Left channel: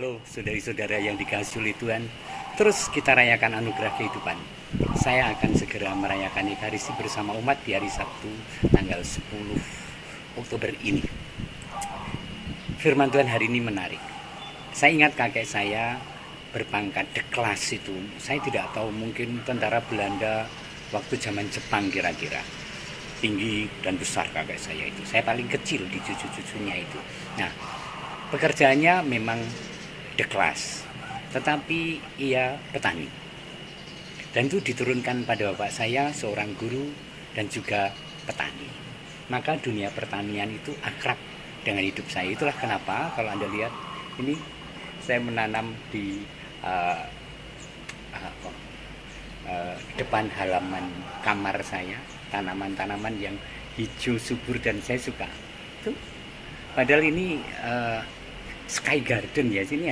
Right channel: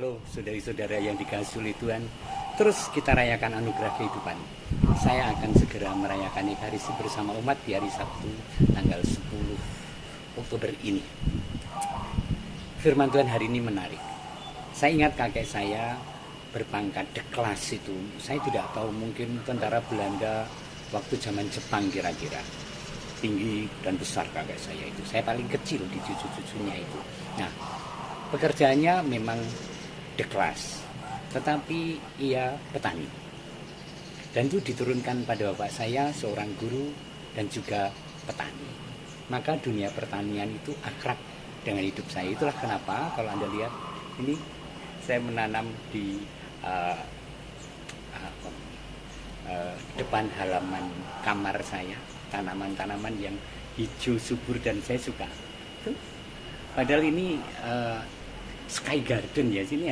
Halo saudari-saudara yang dikasihi Tuhan. Terus kita rayakan anugerah kehidupan. Saya akan segera merayakan Ekaristi bersama umat di hari Sabtu tanggal 10 Oktober ini. Firman Tuhan hari ini menarik. Saya ingat kakek saya berpangkat deklas itu. Saya tidak tahu, mungkin tentara Belanda waktu zaman Jepang kira-kira. Tinggi dan besar kakek saya itu. Saya paling kecil di cucu-cucunya itu. Nah, pekerjaannya memang deklas, tetapi ia petani. Dan itu diturunkan pada bapak saya, seorang guru dan juga petani. Maka dunia pertanian itu akrab dengan hidup saya. Itulah kenapa kalau Anda lihat ini, saya menanam di depan halaman kamar saya tanaman-tanaman yang hijau subur dan saya suka. Tuh. Padahal ini sky garden ya, sini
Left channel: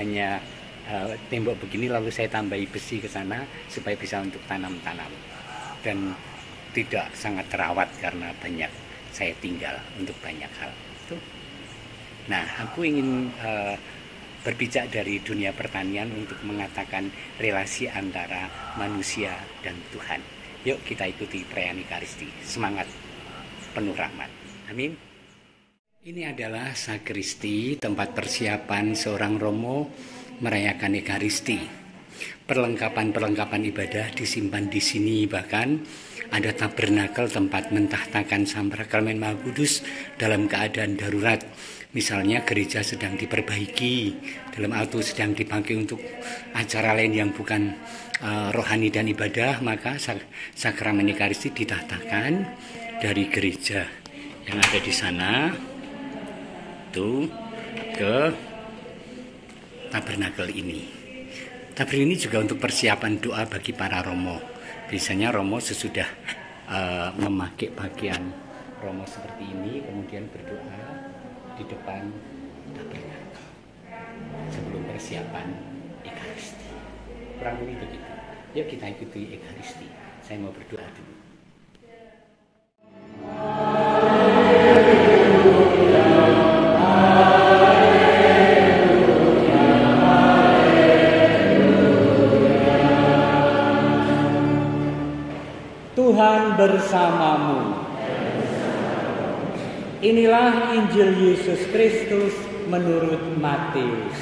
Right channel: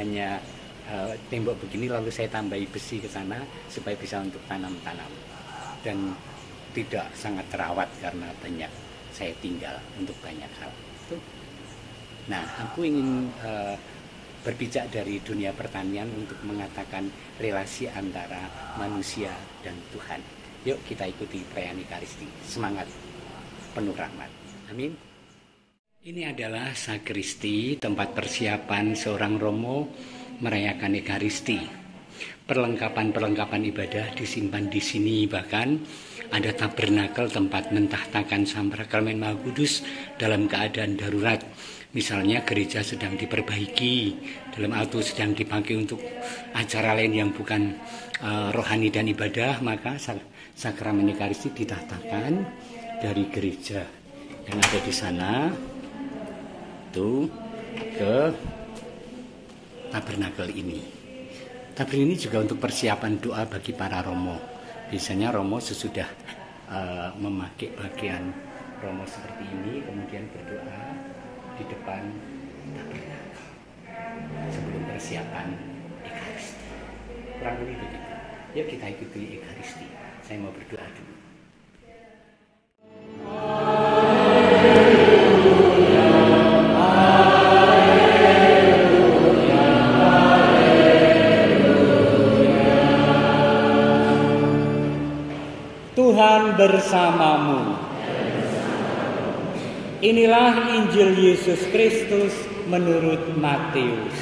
hanya tembok begini, lalu saya tambahi besi ke sana supaya bisa untuk tanam-tanam, dan tidak sangat terawat karena banyak saya tinggal untuk banyak hal. Tuh. Nah, aku ingin berpijak dari dunia pertanian untuk mengatakan relasi antara manusia dan Tuhan. Yuk kita ikuti perayaan Ekaristi. Semangat, penuh rahmat. Amin. Ini adalah sakristi, tempat persiapan seorang romo merayakan Ekaristi. Perlengkapan-perlengkapan ibadah disimpan di sini, bahkan ada tabernakel, tempat mentahtakan sakramen Maha Kudus dalam keadaan darurat. Misalnya gereja sedang diperbaiki, dalam atau sedang dipakai untuk acara lain yang bukan rohani dan ibadah, maka sakramen Ekaristi ditahtakan dari gereja yang ada di sana ke tabernakel ini. Tabernakel ini juga untuk persiapan doa bagi para romo. Biasanya romo sesudah memakai pakaian romo seperti ini, kemudian berdoa di depan tabernakel sebelum persiapan Ekaristi. Kurang lebih begitu. Yuk kita ikuti Ekaristi. Saya mau berdoa dulu. Tuhan bersamamu. Inilah Injil Yesus Kristus menurut Matius.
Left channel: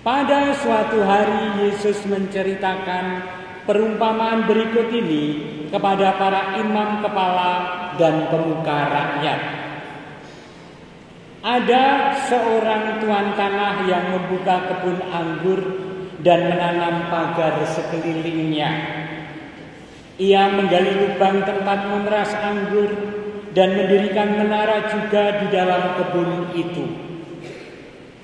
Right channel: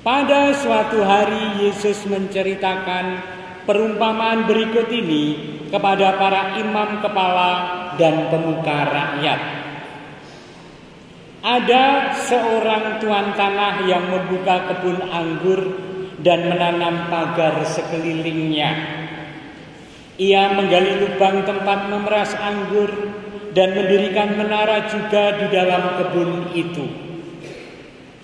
Pada suatu hari Yesus menceritakan perumpamaan berikut ini kepada para imam kepala dan pemuka rakyat. Ada seorang tuan tanah yang membuka kebun anggur dan menanam pagar sekelilingnya. Ia menggali lubang tempat memeras anggur dan mendirikan menara juga di dalam kebun itu.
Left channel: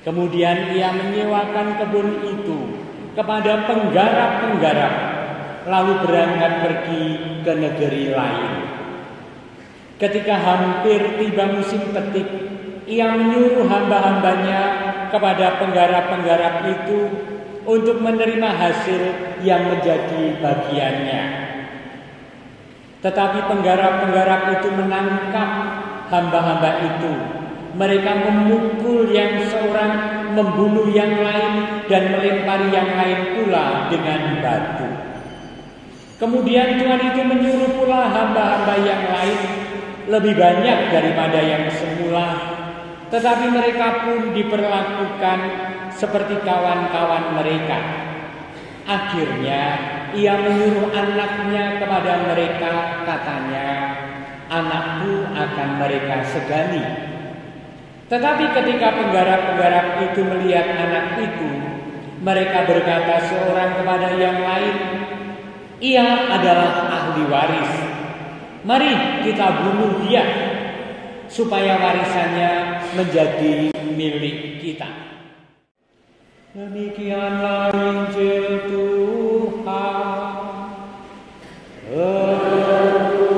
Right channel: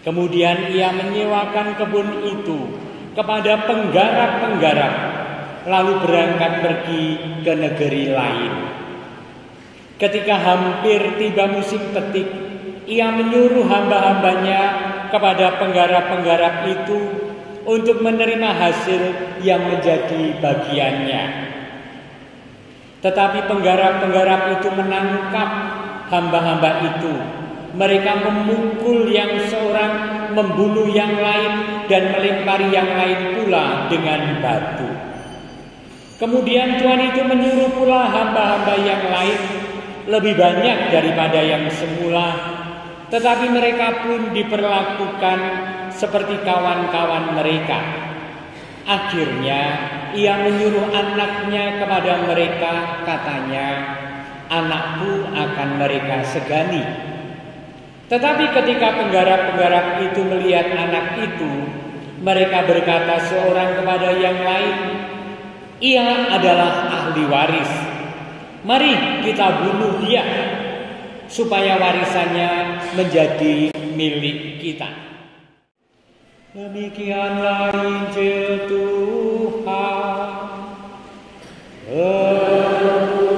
Kemudian ia menyewakan kebun itu kepada penggarap-penggarap, lalu berangkat pergi ke negeri lain. Ketika hampir tiba musim petik, ia menyuruh hamba-hambanya kepada penggarap-penggarap itu untuk menerima hasil yang menjadi bagiannya. Tetapi penggarap-penggarap itu menangkap hamba-hamba itu. Mereka memukul yang seorang, membunuh yang lain, dan melempari yang lain pula dengan batu. Kemudian Tuhan itu menyuruh pula hamba-hamba yang lain, lebih banyak daripada yang semula, tetapi mereka pun diperlakukan seperti kawan-kawan mereka. Akhirnya ia menyuruh anaknya kepada mereka, katanya, "Anakku akan mereka segani." Tetapi ketika penggarap-penggarap itu melihat anak itu, mereka berkata seorang kepada yang lain, "Ia adalah ahli waris. Mari kita bunuh dia, supaya warisannya menjadi milik kita." Demikianlah Injil Tuhan. Terpujilah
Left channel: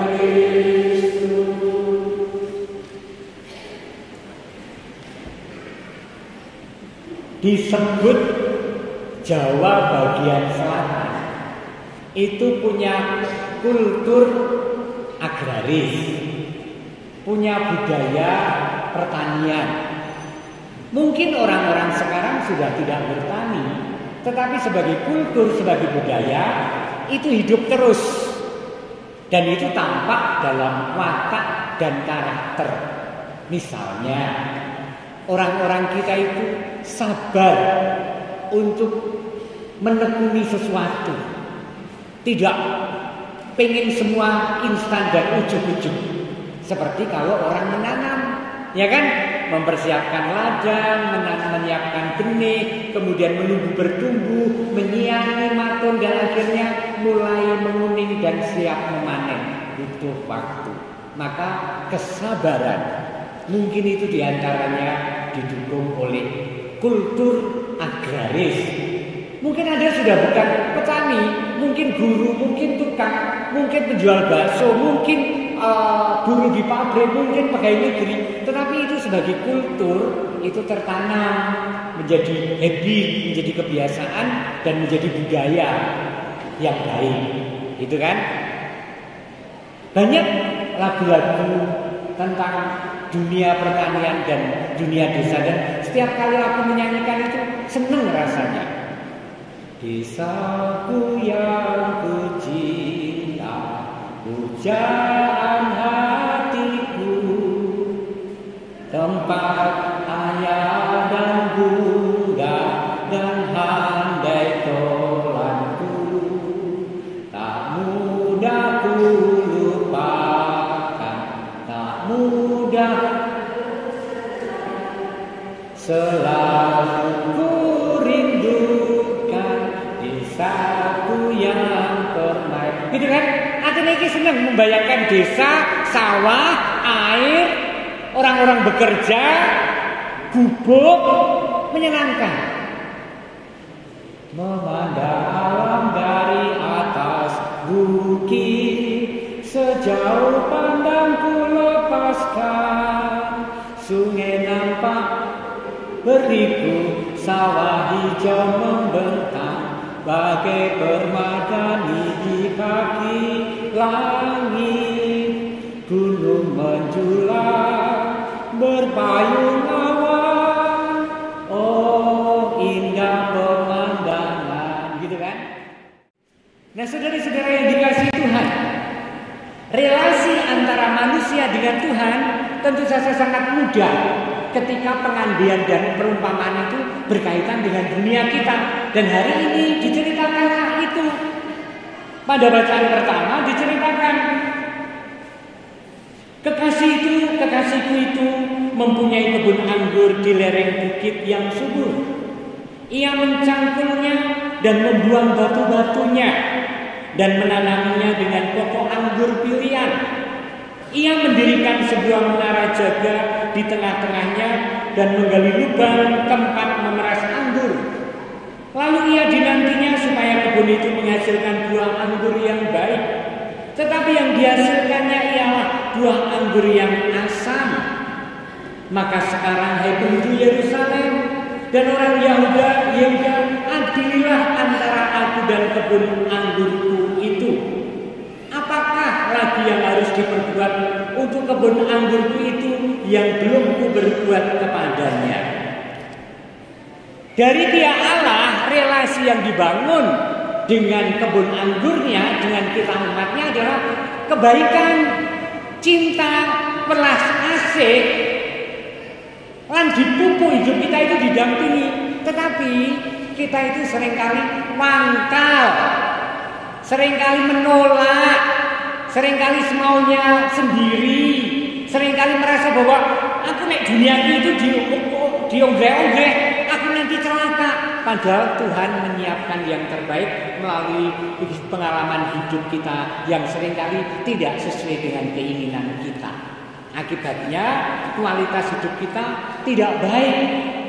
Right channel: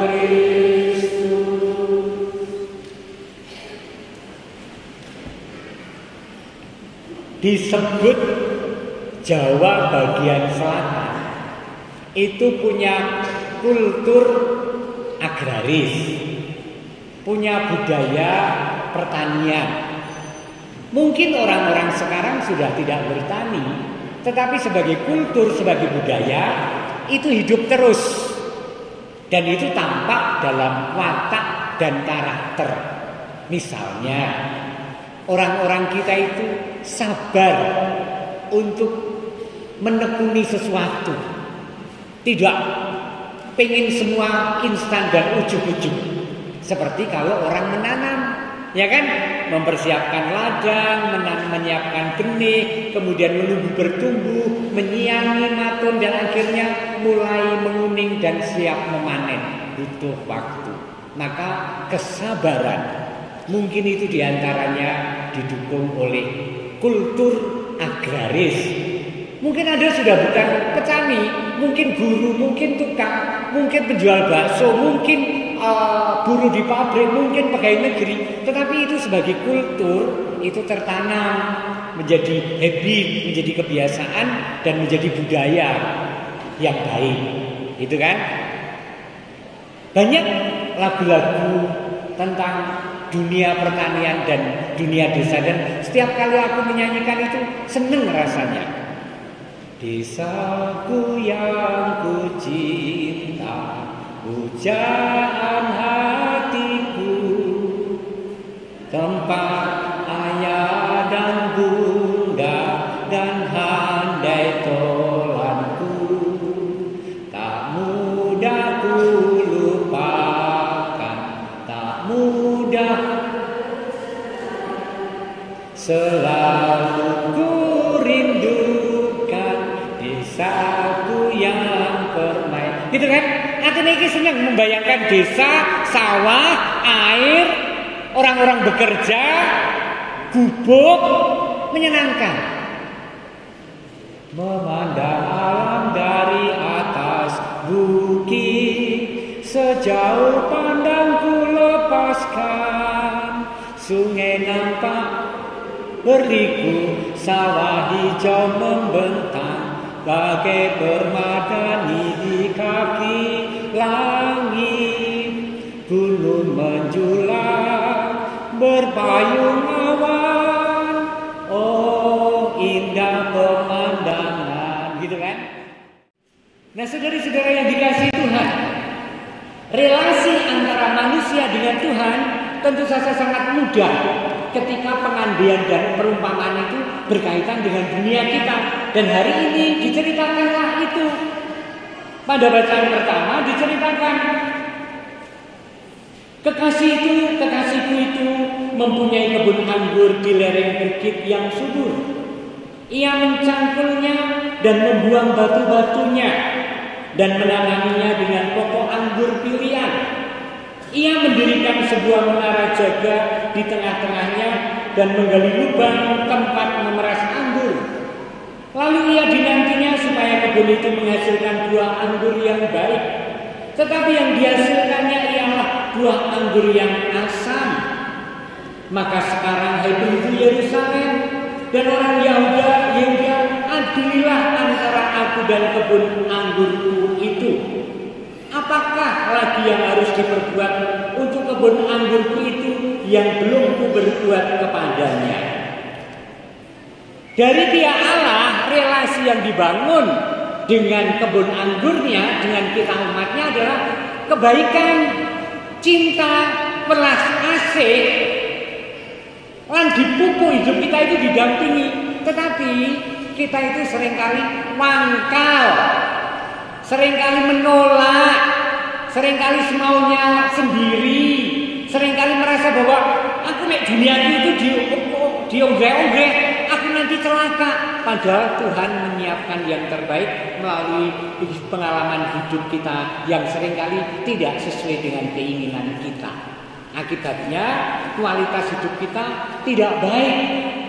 Kristus. Disebut Jawa bagian selatan itu punya kultur agraris, punya budaya pertanian. Mungkin orang-orang sekarang sudah tidak bertani, tetapi sebagai kultur, sebagai budaya itu hidup terus. Dan itu tampak dalam watak dan karakter. Misalnya, orang-orang kita itu sabar untuk menekuni sesuatu. Tidak pengen semua instan dan ujug-ujug. Seperti kalau orang menanam, ya kan? Mempersiapkan ladang, menyiapkan benih, kemudian menunggu bertumbuh, menyiangi, matun, dan akhirnya mulai menguning dan siap memanen. Butuh waktu. Maka kesabaran mungkin itu diantaranya didukung oleh kultur agraris. Mungkin Anda sudah bukan petani, mungkin guru, mungkin tukang, mungkin penjual bakso, mungkin buruh di pabrik, mungkin pegawai negeri. Tetapi itu sebagai kultur, itu tertanam menjadi habit, menjadi kebiasaan, dan menjadi budaya yang baik. Itu kan? Banyak lagu-lagu tentang dunia pertanian dan dunia desa, dan setiap kali aku menyanyikan itu seneng rasanya. Desaku yang ku cinta, pujaan hatiku, tempat ayah dan bunda dan handai tolanku, tak mudah ku lupakan, tak mudah, selalu ku rindukan desaku yang permai. Gitu kan? Artinya ini senang membayangkan desa, sawah, air, orang-orang bekerja, gubuk, menyenangkan. Memandang alam dari atas bukit, sejauh pandangku lepaskan, sungai nampak berliku, sawah hijau membentang bagai permadani di kaki langit, gunung menjulang berpayung awan, oh indah pemandangan, gitu kan? Nah, saudara-saudara yang dikasihi Tuhan, relasi antara manusia dengan Tuhan tentu saja sangat mudah ketika pengandian dan perumpamaan itu berkaitan dengan dunia kita. Dan hari ini diceritakanlah itu. Pada bacaan pertama diceritakan kekasihku itu mempunyai kebun anggur di lereng bukit yang subur. Ia mencangkulnya dan membuang batu-batunya dan menanaminya dengan pokok anggur pilihan. Ia mendirikan sebuah menara jaga di tengah-tengahnya dan menggali lubang tempat memeras anggur. Lalu ia dinantinya supaya kebun itu menghasilkan buah anggur yang baik. Tetapi yang dihasilkannya ialah buah anggur yang asam. Maka sekarang hai penduduk Yerusalem dan orang Yehuda, adililah antara aku dan kebun anggurku itu. Apakah lagi yang harus diperbuat untuk kebun anggurku itu yang belum ku berbuat kepadanya? Dari pihak Allah, relasi yang dibangun dengan kebun anggurnya, dengan kita umatnya adalah kebaikan, cinta, welas asih, lan dipupuk hidup kita itu didampingi. Tetapi kita itu seringkali mangkal, seringkali menolak, seringkali semaunya sendiri, seringkali merasa bahwa aku nek dunia itu diongge-ongge, aku nanti celaka. Padahal Tuhan menyiapkan yang terbaik melalui pengalaman hidup kita yang seringkali tidak sesuai dengan keinginan kita. Akibatnya kualitas hidup kita tidak baik,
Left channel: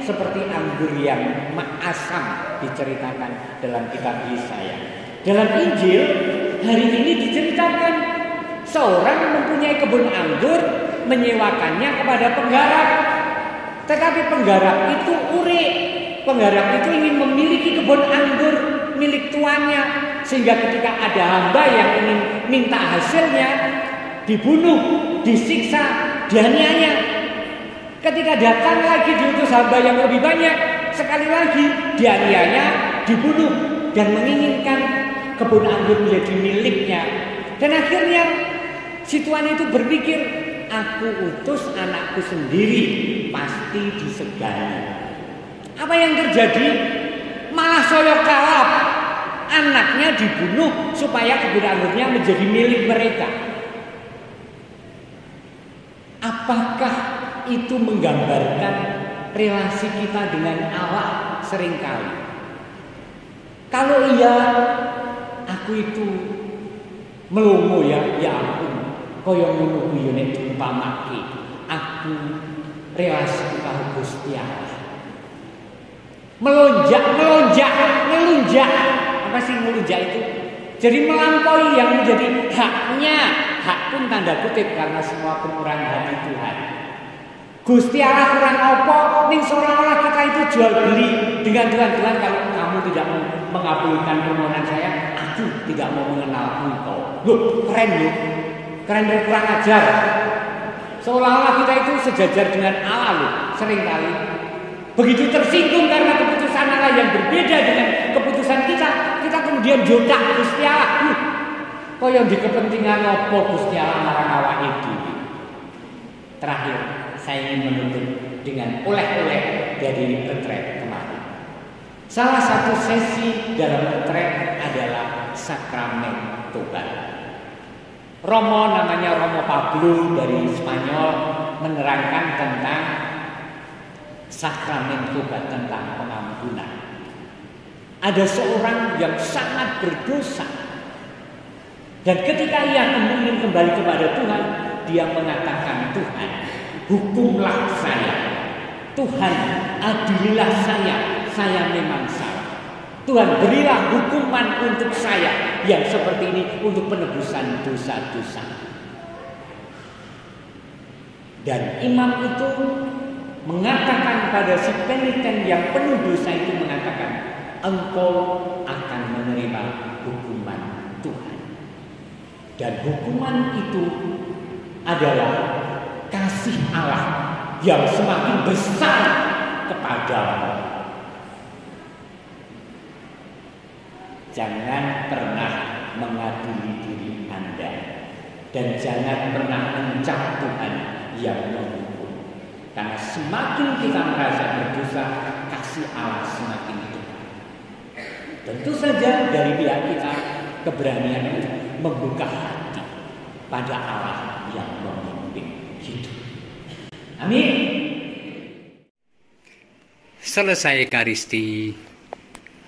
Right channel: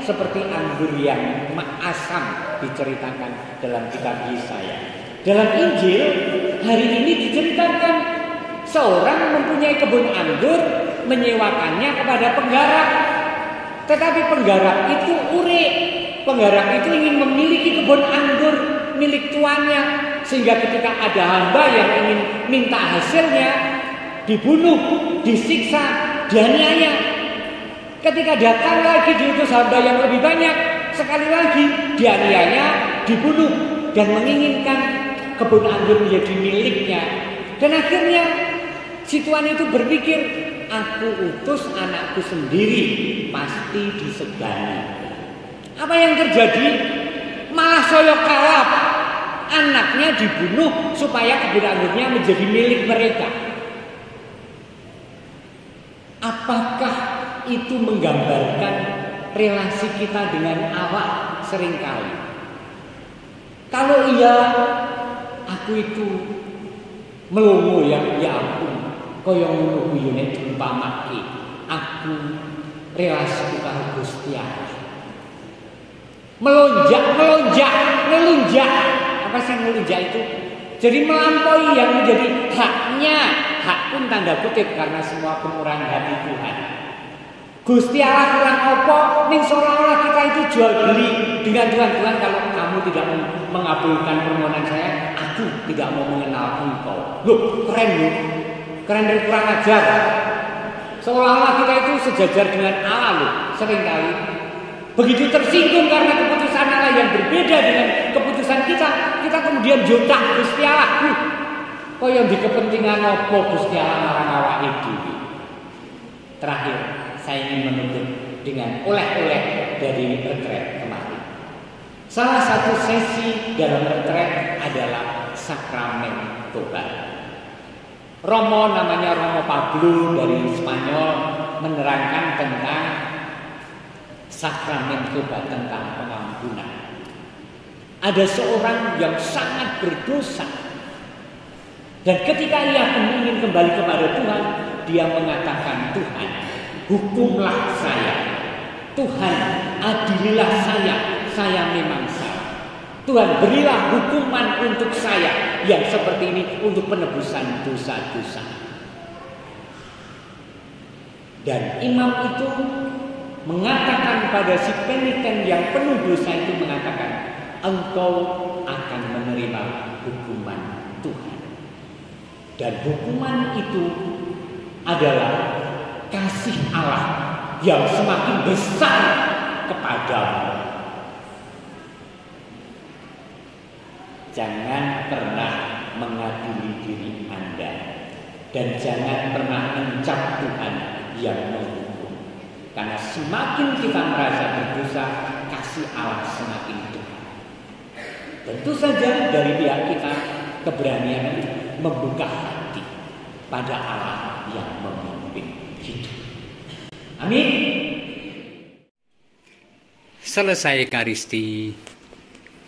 seperti anggur yang asam diceritakan dalam kitab Yesaya. Dalam Injil hari ini diceritakan seorang mempunyai kebun anggur, menyewakannya kepada penggarap. Tetapi penggarap itu urik, penggarap itu ingin memiliki kebun anggur milik tuannya, sehingga ketika ada hamba yang ingin minta hasilnya, dibunuh, disiksa, dianiaya. Ketika datang lagi diutus hamba yang lebih banyak, sekali lagi dianiaya, dibunuh, dan menginginkan kebun anggur menjadi miliknya. Dan akhirnya si tuan itu berpikir, aku utus anakku sendiri, pasti disegani. Apa yang terjadi? Malah soyo kalap. Anaknya dibunuh supaya kebun anggurnya menjadi milik mereka. Apakah itu menggambarkan relasi kita dengan Allah seringkali? Kalau iya, aku itu melongo ya ampun, kaya ngono kuwi nek diumpamake aku relasi karo Gusti Allah. Melunjak. Apa sih melunjak itu? Jadi melampaui yang menjadi haknya. Hak pun tanda kutip karena semua penurunan hati Tuhan. Gusti Allah kurang apa? Ning seolah-olah kita itu jual beli dengan Tuhan. Kalau kamu tidak mengabulkan permohonan saya, aku tidak mau mengenal engkau. Loh, keren loh. Keren dan kurang ajar. Seolah-olah kita itu sejajar dengan Allah loh. Seringkali begitu tersinggung karena keputusan Allah yang berbeda dengan keputusan kita kemudian jodak Gusti Allah. Kok yang di kepentingan apa Gusti Allah marang awake dhewe. Terakhir, saya ingin menutup dengan oleh-oleh dari retret kemarin. Salah satu sesi dalam retret adalah sakramen tobat. Romo namanya Romo Pablo dari Spanyol menerangkan tentang sakramen tobat, tentang pengampunan. Ada seorang yang sangat berdosa, dan ketika ia ingin kembali kepada Tuhan, dia mengatakan, Tuhan, hukumlah saya. Tuhan, adililah saya memang salah. Tuhan, berilah hukuman untuk saya yang seperti ini untuk penebusan dosa-dosa. Dan imam itu mengatakan pada si peniten yang penuh dosa itu, mengatakan, engkau akan menerima hukuman Tuhan. Dan hukuman itu adalah kasih Allah yang semakin besar kepadamu. Jangan pernah mengadili diri Anda, dan jangan pernah mencap Tuhan yang menghukum. Karena semakin kita merasa berdosa, kasih Allah semakin dekat. Tentu saja dari pihak kita keberanian membuka hati pada Allah yang memimpin hidup. Amin. Selesai Ekaristi,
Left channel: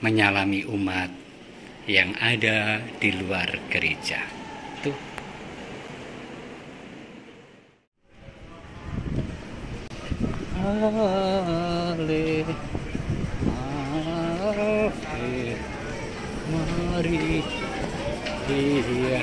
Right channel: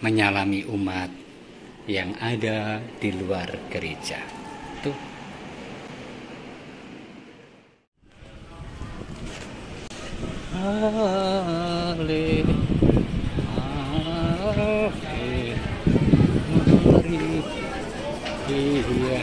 menyalami umat yang ada di luar gereja. Tuh. Ale, mari, iya.